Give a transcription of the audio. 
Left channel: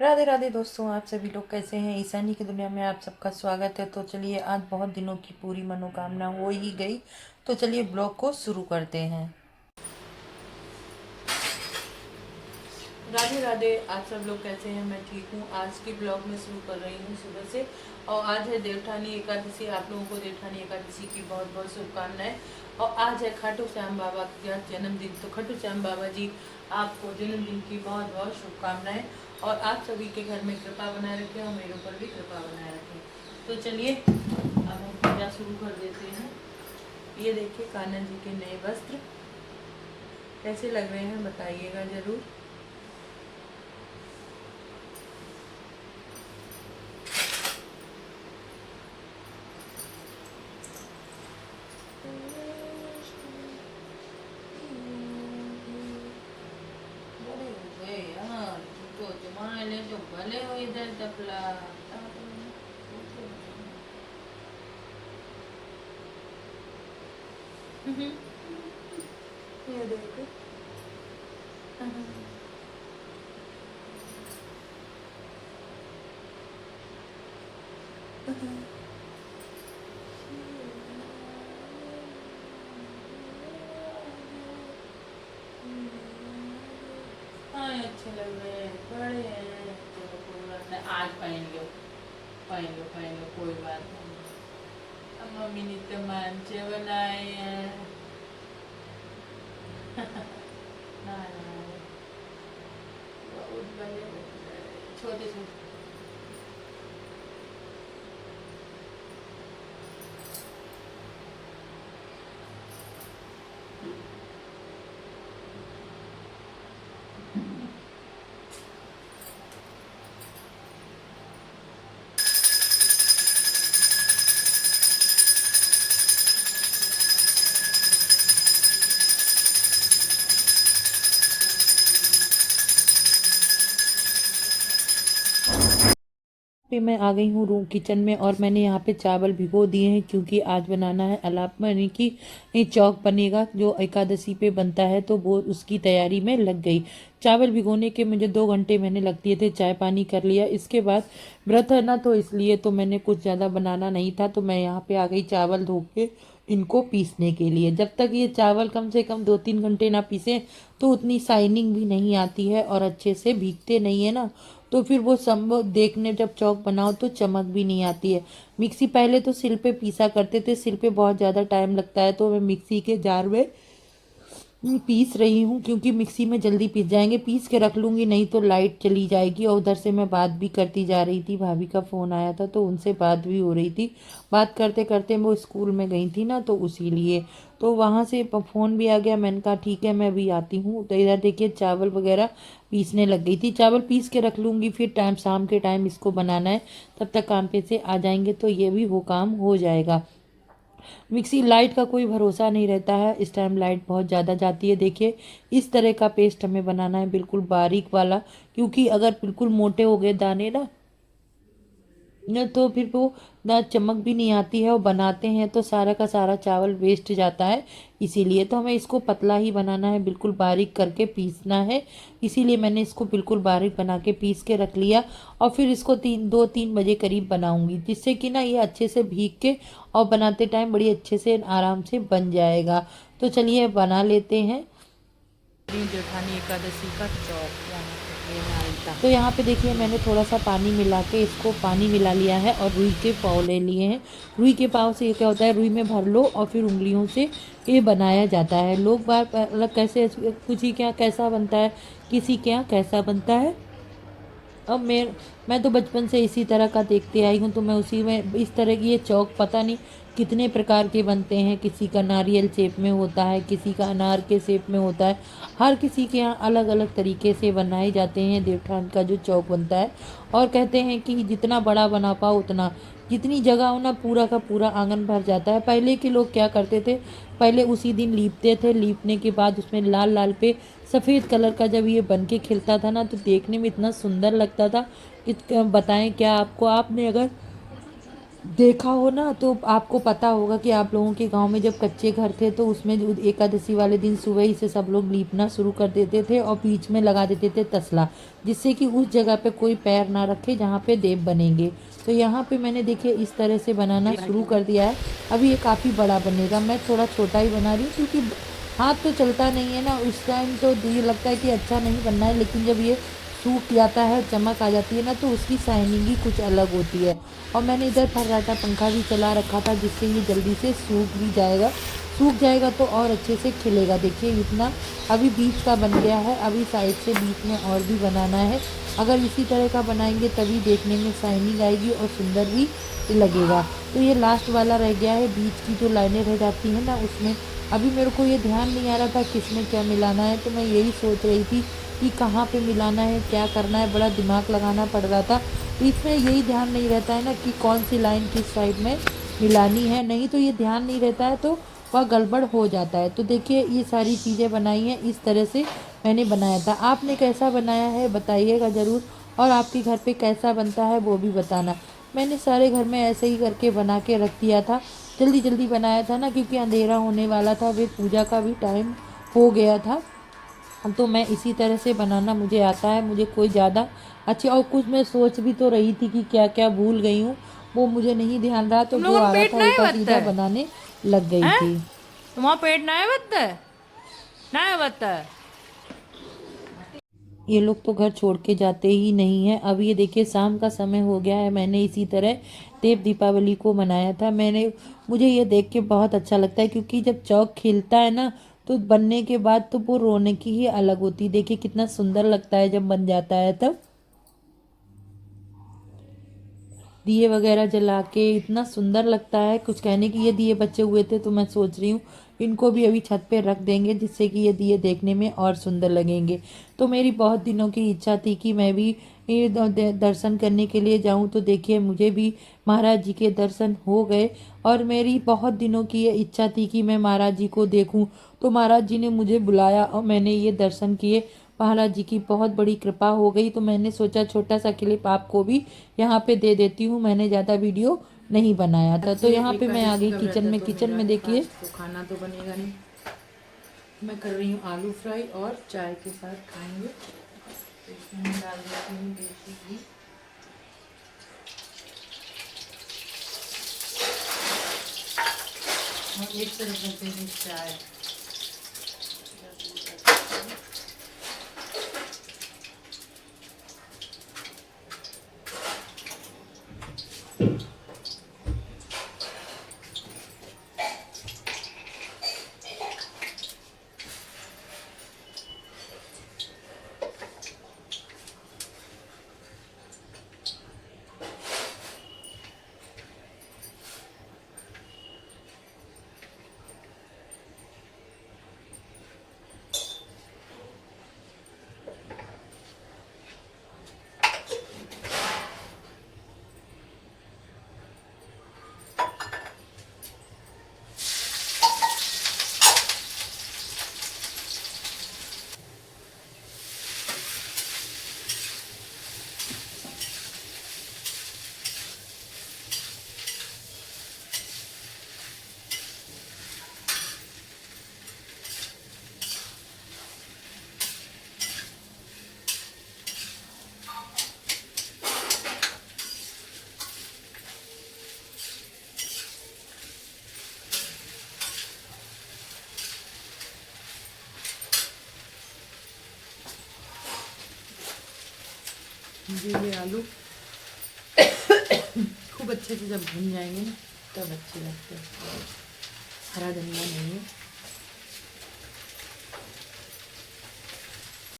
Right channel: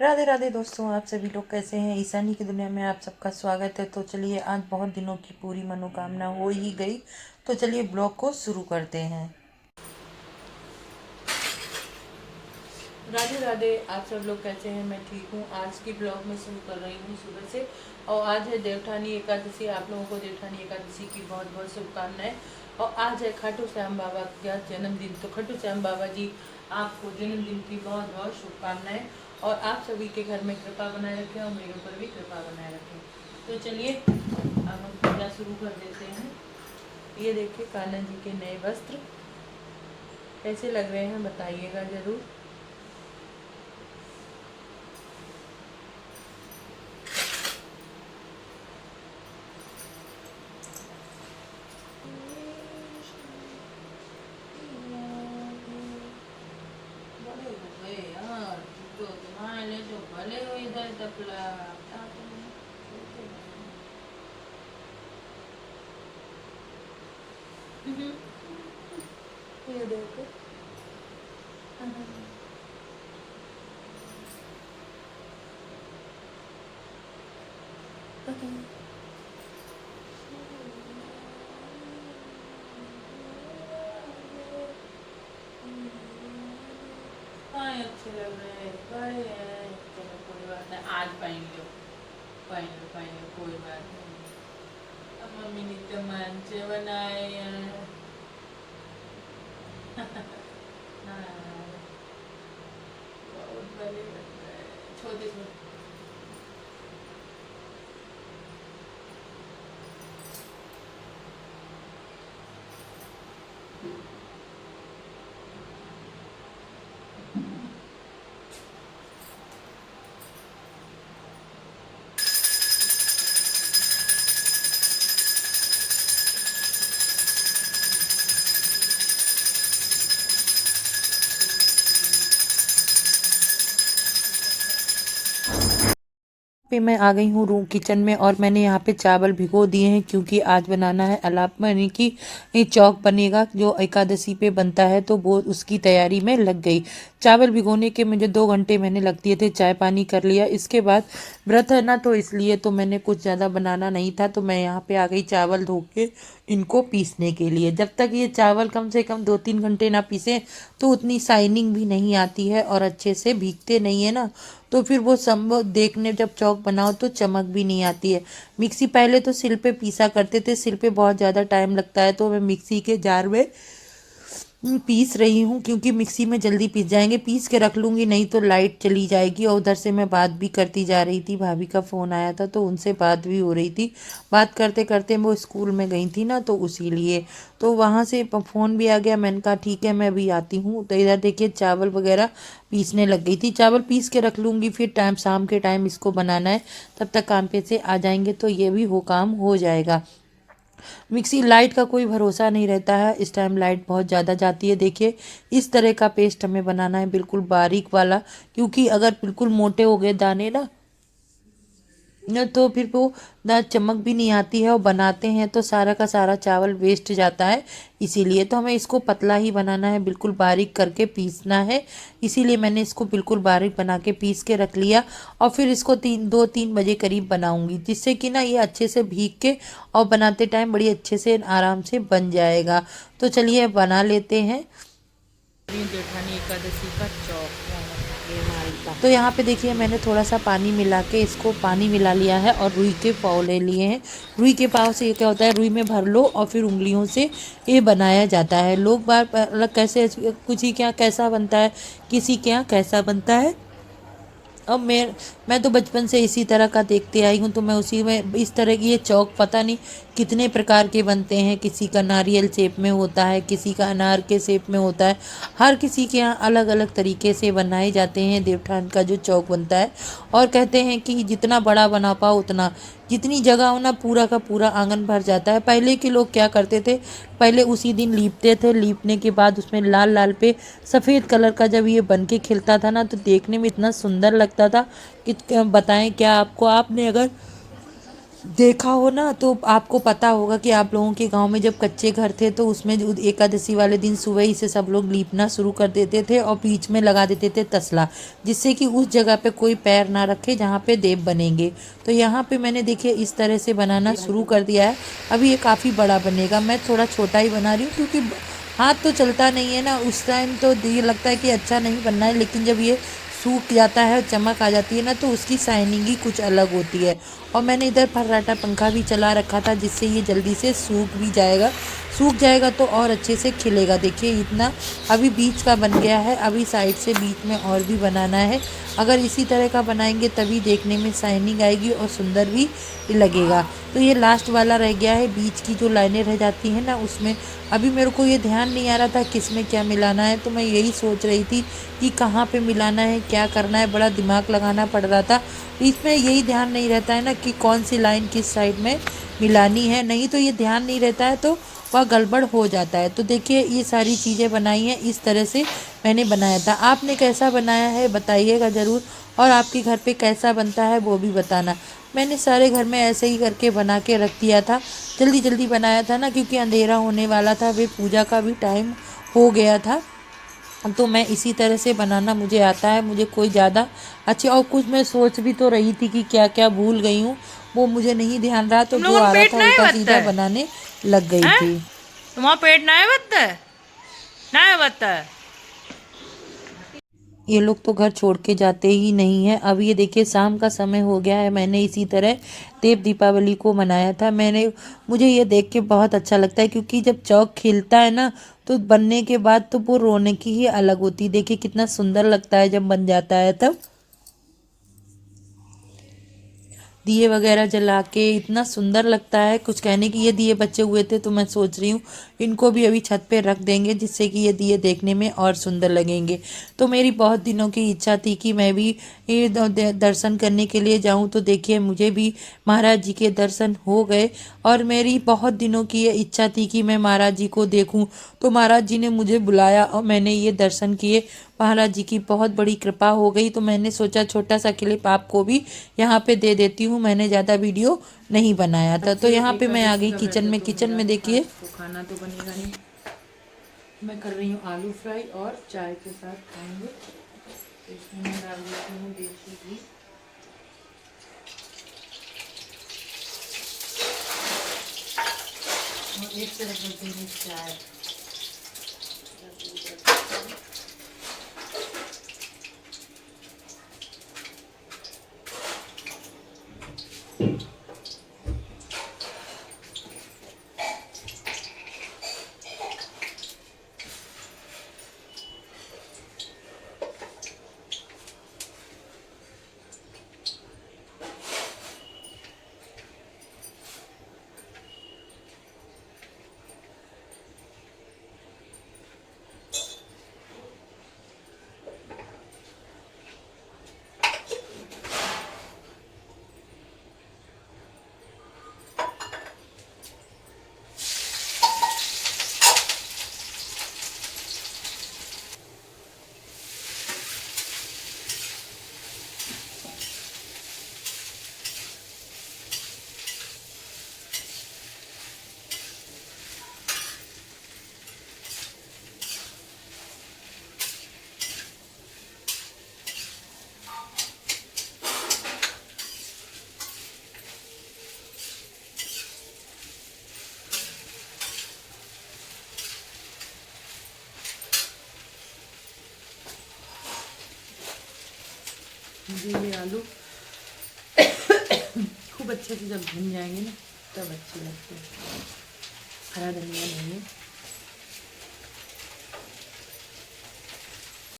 राधे राधे दोस्तों, आप सभी लोग कैसे हैं। ईशानी की दुनिया में आप सबका स्वागत है। तो चलिए, आज बहुत दिनों की पूरी मनोकामना हो ही गई। तो चलिए ब्लॉग को शुरू करते हैं। राधे राधे, आप सब लोग कैसे हैं। मैं ठीक हूँ। आज की ब्लॉग में शुरू कर रही हूँ सुबह से। और आज है देवठानी एकादशी। आप लोगों को देवठानी एकादशी की बहुत बहुत शुभकामनाएं। और आज है खाटू श्याम बाबा का जन्मदिन। तो खाटू श्याम बाबा जी, आपको जन्मदिन की बहुत बहुत शुभकामनाएं। और आप सभी के घर में कृपा बनाए रखें और मेरे ऊपर भी कृपा बनाए रखें। तो चलिए अब हम पूजा शुरू कर देते हैं। ये देखिए कान्हा जी के नए वस्त्र कैसे लग रहे हैं, बताइएगा ज़रूर। बड़े हो गए यार, जो तुम्हारे लिए जो भले हो इधर तपला। ये देखो। हाँ, अच्छे लग रहे हैं, बड़े हैं। चलो कोई बात नहीं, आज पहन लो, पहन लो, पहन लो, कोई बात नहीं। अब मम्मी ने तो मांझे बनाए हैं। हाँ, बहुत बड़े लग रहे हैं, छोटे छोटे। पे मैं आ गई हूँ रूम किचन में, और मैंने यहाँ पे चावल भिगो दिए हैं क्योंकि आज बनाना है अलाप यानी कि ये चौक बनेगा जो एकादशी पे बनता है। तो वो उसकी तैयारी में लग गई। चावल भिगोने के मुझे 2 घंटे मैंने लग दिए थे। चाय पानी कर लिया। इसके बाद व्रत है ना, तो इसलिए तो मैंने कुछ ज़्यादा बनाना नहीं था। तो मैं यहाँ पे आ गई चावल धो के इनको पीसने के लिए। जब तक ये चावल कम से कम 2-3 घंटे ना पीसे तो उतनी शाइनिंग भी नहीं आती है और अच्छे से भीगते नहीं है ना। तो फिर वो संभव देखने जब चौक बनाओ तो चमक भी नहीं आती है। मिक्सी पहले तो सिल पे पीसा करते थे। सिल पे बहुत ज़्यादा टाइम लगता है, तो मैं मिक्सी के जार में पीस रही हूँ क्योंकि मिक्सी में जल्दी पीस जाएंगे। पीस के रख लूँगी, नहीं तो लाइट चली जाएगी। और उधर से मैं बात भी करती जा रही थी। भाभी का फ़ोन आया था तो उनसे बात भी हो रही थी। बात करते करते वो स्कूल में गई थी ना, तो उसी लिए तो वहाँ से फ़ोन भी आ गया। मैंने कहा ठीक है, मैं अभी आती हूँ। तो इधर देखिए चावल वगैरह पीसने लग गई थी। चावल पीस के रख लूँगी, फिर टाइम शाम के टाइम इसको बनाना है। तब तक काम पे से आ जाएंगे तो ये भी हो काम हो जाएगा। मिक्सी लाइट का कोई भरोसा नहीं रहता है। इस टाइम लाइट बहुत ज़्यादा जाती है। देखिए इस तरह का पेस्ट हमें बनाना है, बिल्कुल बारीक वाला। क्योंकि अगर बिल्कुल मोटे हो गए दाने ना तो फिर वो ना चमक भी नहीं आती है। और बनाते हैं तो सारा का सारा चावल वेस्ट जाता है। इसीलिए तो हमें इसको पतला ही बनाना है, बिल्कुल बारीक करके पीसना है। इसीलिए मैंने इसको बिल्कुल बारीक बना के पीस के रख लिया। और फिर इसको 2-3 बजे करीब बनाऊंगी, जिससे कि ना ये अच्छे से भीग के और बनाते टाइम बड़ी अच्छे से आराम से बन जाएगा। तो चलिए बना लेते हैं। जेठानी एकादशी का चौक। तो यहाँ पे देखिए मैंने थोड़ा सा पानी मिला के इसको पानी मिला लिया है और रुई के पाव ले लिए हैं। रुई के पाव से ये क्या होता है, रुई में भर लो और फिर उंगलियों से ये बनाया जाता है। लोग बार अलग कैसे कुछ ही क्या कैसा बनता है, किसी के यहाँ कैसा बनता है। और मैं तो बचपन से इसी तरह का देखते आई हूँ, तो मैं उसी में इस तरह की ये चौक पता नहीं कितने प्रकार के बनते हैं। किसी का नारियल शेप में होता है, किसी का अनार के शेप में होता है। हर किसी के यहाँ अलग अलग तरीके से बनाए जाते हैं देवठान का जो चौक बनता है। और कहते हैं कि जितना बड़ा बना पाओ उतना, जितनी जगह हो ना पूरा का पूरा आंगन भर जाता है। पहले के लोग क्या करते थे, पहले उसी दिन लीपते थे। लीपने के बाद उसमें लाल लाल पे सफ़ेद कलर का जब ये बन के खिलता था ना, तो देखने में इतना सुंदर लगता था कि क्या बताएं क्या आपको। आपने अगर देखा हो ना तो आपको पता होगा कि आप लोगों के गांव में जब कच्चे घर थे तो उसमें जो एकादशी वाले दिन सुबह ही से सब लोग लीपना शुरू कर देते थे और बीच में लगा देते थे तसला, जिससे कि उस जगह पे कोई पैर ना रखे जहाँ पे देव बनेंगे। तो यहाँ पे मैंने देखिए इस तरह से बनाना शुरू कर दिया है। अभी ये काफ़ी बड़ा बनेगा, मैं थोड़ा छोटा ही बना रही हूँ क्योंकि हाथ तो चलता नहीं है ना, उस टाइम तो ये लगता है कि अच्छा नहीं बनना है, लेकिन जब ये सूख जाता है, चमक आ जाती है ना, तो उसकी शाइनिंग ही कुछ अलग होती है। और मैंने इधर फर्राटा पंखा भी चला रखा था जिससे ये जल्दी से सूख भी जाएगा। सूख जाएगा तो और अच्छे से खिलेगा। देखिए इतना अभी बीच का बन गया है, अभी साइड से बीच में और भी बनाना है। अगर इसी तरह का बनाएंगे तभी देखने में शाइनिंग आएगी और सुंदर भी लगेगा। तो ये लास्ट वाला रह गया है, बीच की जो लाइनें रह जाती हैं ना उसमें अभी मेरे को ये ध्यान नहीं आ रहा था किस में क्या मिलाना है, तो मैं यही सोच रही थी कि कहाँ पे मिलाना है, क्या करना है, बड़ा दिमाग लगाना पड़ रहा था। इसमें यही ध्यान नहीं रहता है ना कि कौन सी लाइन किस साइड में मिलानी है, नहीं तो ये ध्यान नहीं रहता है तो वह गड़बड़ हो जाता है। तो देखिए ये सारी चीज़ें बनाई हैं, इस तरह से मैंने बनाया था। आपने कैसा बनाया है बताइएगा ज़रूर, और आपके घर पे कैसा बनता है वो भी बताना। मैंने सारे घर में ऐसे ही करके बना के रख दिया था, जल्दी जल्दी बनाया था ना क्योंकि अंधेरा होने वाला था, वे पूजा का भी टाइम हो गया था। तो मैं इसी तरह से बनाना मुझे आता है, मुझे कोई ज़्यादा अच्छा। और कुछ मैं सोच भी तो रही थी कि क्या क्या भूल गई हूँ, वो मुझे नहीं ध्यान रहा, तो तुम जो लोगों को आ रहा पेट था ना उल्टा बत्ता सीधा है बनाने लग गई हैं? थी। तुम्हारा पेट ना बत्ता है, ना बत्ता है। ये लोग तो घर छोड़ के जाते ही नहीं हैं। अब ये देखिए शाम का समय हो गया है, मैंने इसी तरह देव दीपावली को मनाया था। मुझे ये देख के बहुत अच्छा लगता है क्योंकि जब चौक खिलता है ना तो बनने के बाद तो वो रौनक ही अलग होती है। देखिए कितना सुंदर लगता है जब बन जाता है तब। दिए वगैरह जला के इतना सुंदर लगता है, कुछ कहने की। ये दिए बचे हुए थे तो मैं सोच रही हूँ इनको भी अभी छत पे रख देंगे जिससे कि ये दिए देखने में और सुंदर लगेंगे। तो मेरी बहुत दिनों की इच्छा थी कि मैं भी ये दर्शन करने के लिए जाऊं। तो देखिए मुझे भी महाराज जी के दर्शन हो गए, और मेरी बहुत दिनों की ये इच्छा थी कि मैं महाराज जी को देखूं। तो महाराज जी ने मुझे बुलाया और मैंने ये दर्शन किए। महाराज जी की बहुत बड़ी कृपा हो गई, तो मैंने सोचा छोटा सा क्लिप आपको भी यहाँ पे दे देती हूँ। मैंने ज़्यादा वीडियो नहीं बनाया था। तो यहाँ पे मैं आ गई किचन में। किचन में देखिए तो खाना तो बनेगा नहीं। मैं कर रही हूँ आलू फ्राई और चाय के साथ खाएंगे। तो इसमें मैं डाल देती हूँ देसी घी। और एक तरफ रख देंगे चाय। मुझे ये आलू खूब अच्छे से जब भुन जाएंगे ना तब अच्छे लगते हैं। हरा धनिया नहीं है।